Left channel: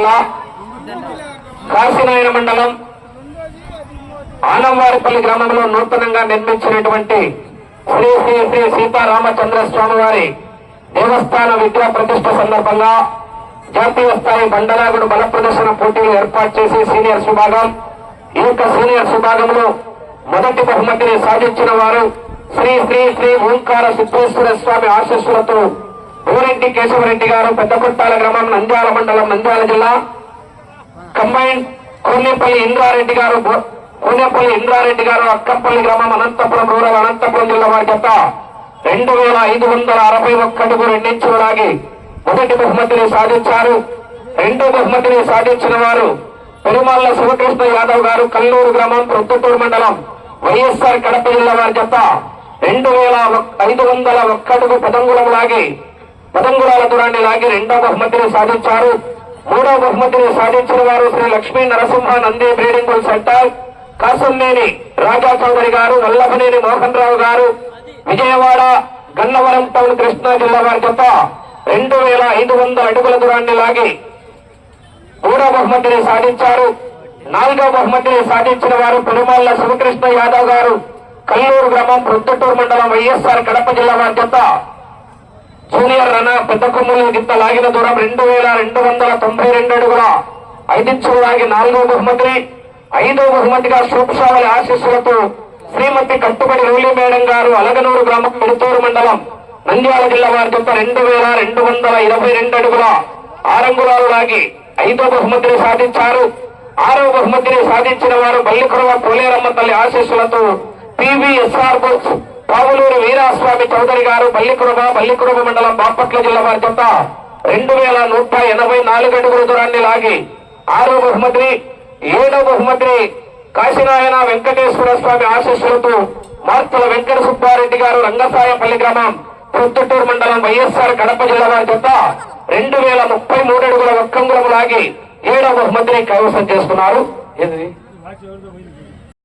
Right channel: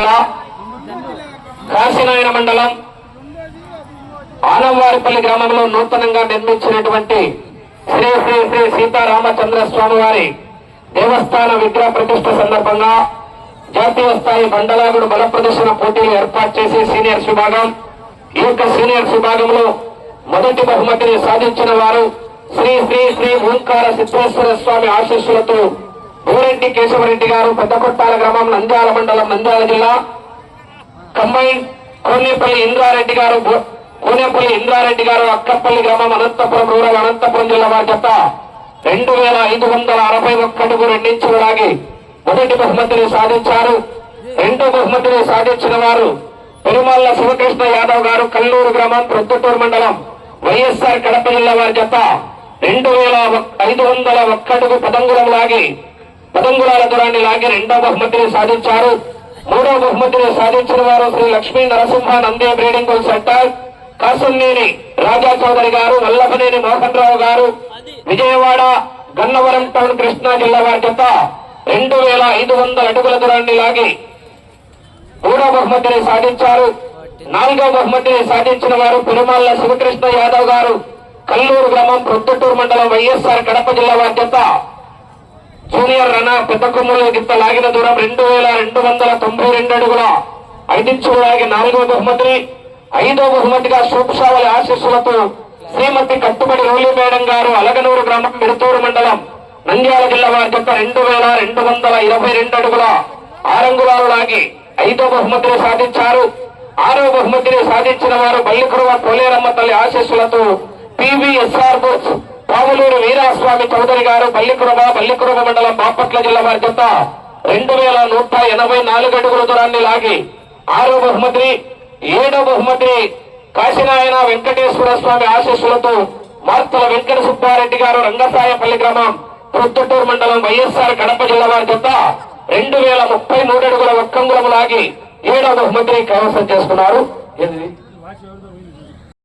జిల్లా కాశీనాయన మండలం ఆనంవారిపల్లి గ్రామంలో నూతనంగా నిర్మించినటువంటి శ్రీ శ్రీ శ్రీ సీతారామచంద్ర స్వామి వారి దేవస్థాన విగ్రహ ప్రతిష్ఠ సందర్భంగా జాతీయ స్థాయి బండలాగుడు బల ప్రదర్శన పోటీలు ఏర్పాటు చేసి సీనియర్స్ విభాగం ఈ యొక్క సీనియర్స్ విభాగంలో మొదటి బహుమతిని సాధించిన వారు శ్రీ శ్రీ శ్రీ ఓంకార సిద్ధేశ్వర స్వామి ఆశీస్సులతో ఊరెడ్డి కేశవరెడ్డి గారు పెద్దకొట్టాల గ్రామం నంద్యాల మండలం నంద్యాల జిల్లా కంబైన్ కోనేపల్లి ఇంద్రారెడ్డి గారు అక్కర్పల్లి గ్రామం అనంతపురం రూరల్ అనంతపురం జిల్లా వారి జత 2561 అడుగు 2 ఇంచులు లాగి మొదటి బహుమతిని సాధించారు. రెండో బహుమతిని సాధించిన వారు పెరుమాళ్ల శివకృష్ణ యాదవ్ గారు కల్లూరు గ్రామం ప్రొద్దుటూరు మండలం వైఎస్ఆర్ కడప జిల్లా వారి జత 2501 అడుగు 10 అంగుళాల దూరాన్ని లాగి రెండో బహుమతిని సాధించారు. మూడో బహుమతిని సాధించిన వారు శ్రీ లక్ష్మీ నరసింహ నందే బ్రీడింగ్ సెంటర్ కాసంనేని రాజా చౌదరి గారు వల్లభనేని మోహన్ రావు గారు విజయవాడ గన్నవరం టౌన్ కృష్ణా జిల్లా వారి జత 2500 అడుగుల దూరాన్ని లాగి మూడో బహుమతిని సాధించారు. నాలుగో బహుమతిని సాధించిన వారు పెరుమాళ్ల శివకృష్ణ యాదవ్ గారు కల్లూరు గ్రామం ప్రొద్దుటూరు మండలం వైఎస్ఆర్ కడప జిల్లా వారి జత జూనియర్ రన పెద్ద కొమ్ముల గిత్త లాగిన దూరం 2292 అడుగుల 5 ఇంచులు లాగి నాలుగో బహుమతిని, ఐదో బహుమతిగా సూప్షావళి ఆశీస్సులతో శ్రీమతి కట్టుబడి రౌలి మేడం గారు అలగనూరు గ్రామం మిడుతూరు మండలం నంద్యాల జిల్లా వారి జత 2222 అడుగుల 6 అంగుళాలు లాగి ఐదో బహుమతిని సాధించారు. ఆరో బహుమతిని సాధించిన వారు బల్లికురవ పోలేరమ్మ తల్లి ఆశీస్సులతో పివిఎస్ఆర్ బుక్స్ పావులూరు వీరాస్వామి చౌదరి గారు బల్లికురవ మండలం బాపట్ల జిల్లా వారి జత 2184 అడుగుల దూరాన్ని లాగి ఆరో బహుమతిని, ఏడో బహుమతిని కాశీనాయన వెంకటేశ్వర స్వామి ఆశీస్సులతో మార్తల వెంకట సుబ్బారెడ్డి గారు రంగసాయపల్లి గ్రామం ప్రొద్దుటూరు మండలం వైఎస్ఆర్ కడప జిల్లా వారి జత 2033 అడుగుల 1 అంగుళం లాగి ఏడో బహుమతిని కైవసం చేసుకున్నారు.